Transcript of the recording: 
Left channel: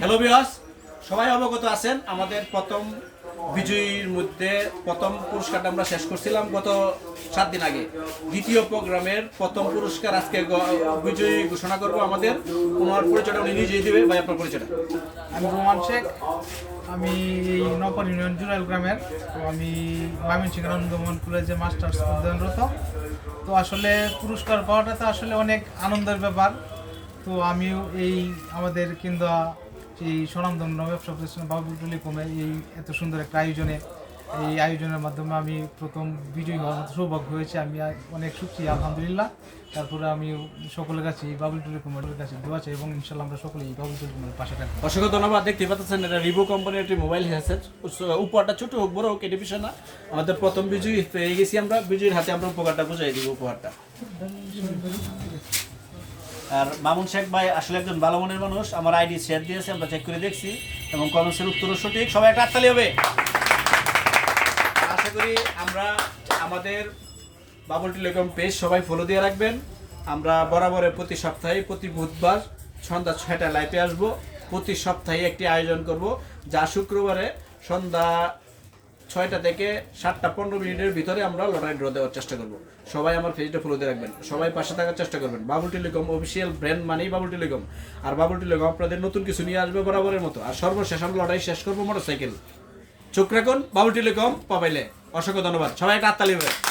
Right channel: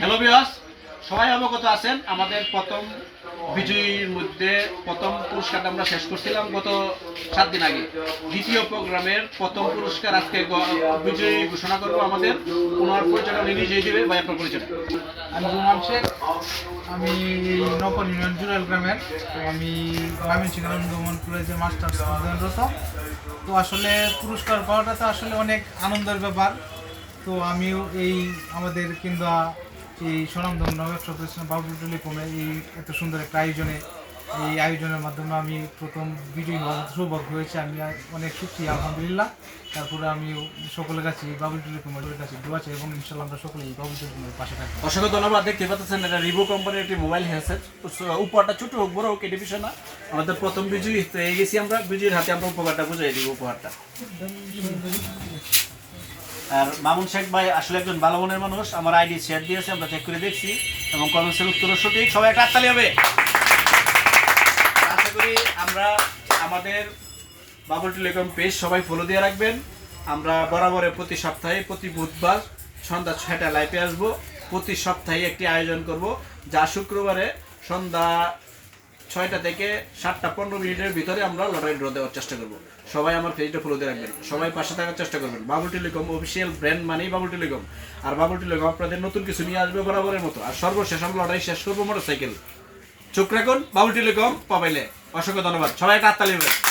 Hello বিয়াস সবাই অবগত আছেন, আমাদের প্রথম বিজয়ীর মধ্যে প্রথম পুরস্কারটা আমরা শেষ করছিলাম গত সাত দিন আগে। দ্বিতীয় প্রোগ্রামের প্রথম পুরস্কার আজকে বিজয়ী ঘোষণা করব আমাদের। ওনার পরিচয়টা উনি নিজেই দেবে, ভাই, আপনার পরিচয়টা। আমি রোমান শেখ। আমি নকল ইউনিয়ন জুরাল গ্রামের। তো আমি ময়মনসিংহ আনন্দমোহন কলেজে মাস্টার্স অধ্যয়নরত। তো আসলে পুরস্কার পাওয়াটা তো আসলে অনেক আনন্দের ব্যাপার। তো আমিও এই আমাদের কেন্দ্র এই সুনামধন্য ব্যবসা প্রতিষ্ঠান বাবুল টেলিকমের এই এত সুন্দর একটা আয়োজনে এই আয়োজনের মাধ্যমে আমি প্রথম বিজয়ী হওয়ার সৌভাগ্য হয়েছে। আমি অনেক সুখী আলহামদুলিল্লাহ। তারপরে আমি সকলের কাছে বাবুল টেলিকমের কাছে দোয়া চাই এবং ইনশাল্লাহ আমরা সকলেই বাবুল টেলিকমের পাশে থাকব। অসংখ্য ধন্যবাদ। দেখতে পাচ্ছেন এটা রিভো কোম্পানির একটি মোবাইল হ্যান্ডসেট উপহারটা ছোট হোক বড় হোক এটি বিষয় না। আমাদের প্রথম বিজয়ী পেয়ে গেছি আমরা। বিজয়ীর হাতে আমরা উপহারটা বুঝাই দিব উপহারটা। আর মামুন শেখ ভাই আসলে একজন ভালো মনের মানুষ, আমার আইডি শেয়ার দিয়েছে, আমরা চেক করে দেখছি এবং কমেন্টসের উত্তর সঠিক। সবাই একটা হাততালি হবে। আশা করি আমরা আমাদের বাবুল টেলিকম পেজ সবাই ফলো দিয়ে রাখবেন। আমরা বরাবরে প্রতি সপ্তাহে, প্রতি বুধবার সন্ধ্যা ছয়টা লাইভে আসব। প্রতি সপ্তাহে একটি আয়োজন করব। যা শুক্রবারে সন্ধ্যা ছয়টা থেকে সাতটা, পনেরো মিনিটের ভিতরে আমরা লটারি ড্র দেওয়ার চেষ্টা করব। সবাই আমার পেজটা ফলো দিয়ে রাখবেন। সবাই পাশে থাকার চেষ্টা করবেন। বাবুল টেলিকম অফিসিয়াল ব্র্যান্ড মানেই বাবুল টেলিকম আর বাবুল টেলিকম আপনাদের নতুন কিছু নিয়ে আসবে বরাবরের মতো। আর সর্বশেষ আমরা লটারি শেষ করব মোটরসাইকেল চোখ রাখুন বাবুল টেলিকম পাবাইলে অসংখ্য ধন্যবাদ। সবাই একটা হবে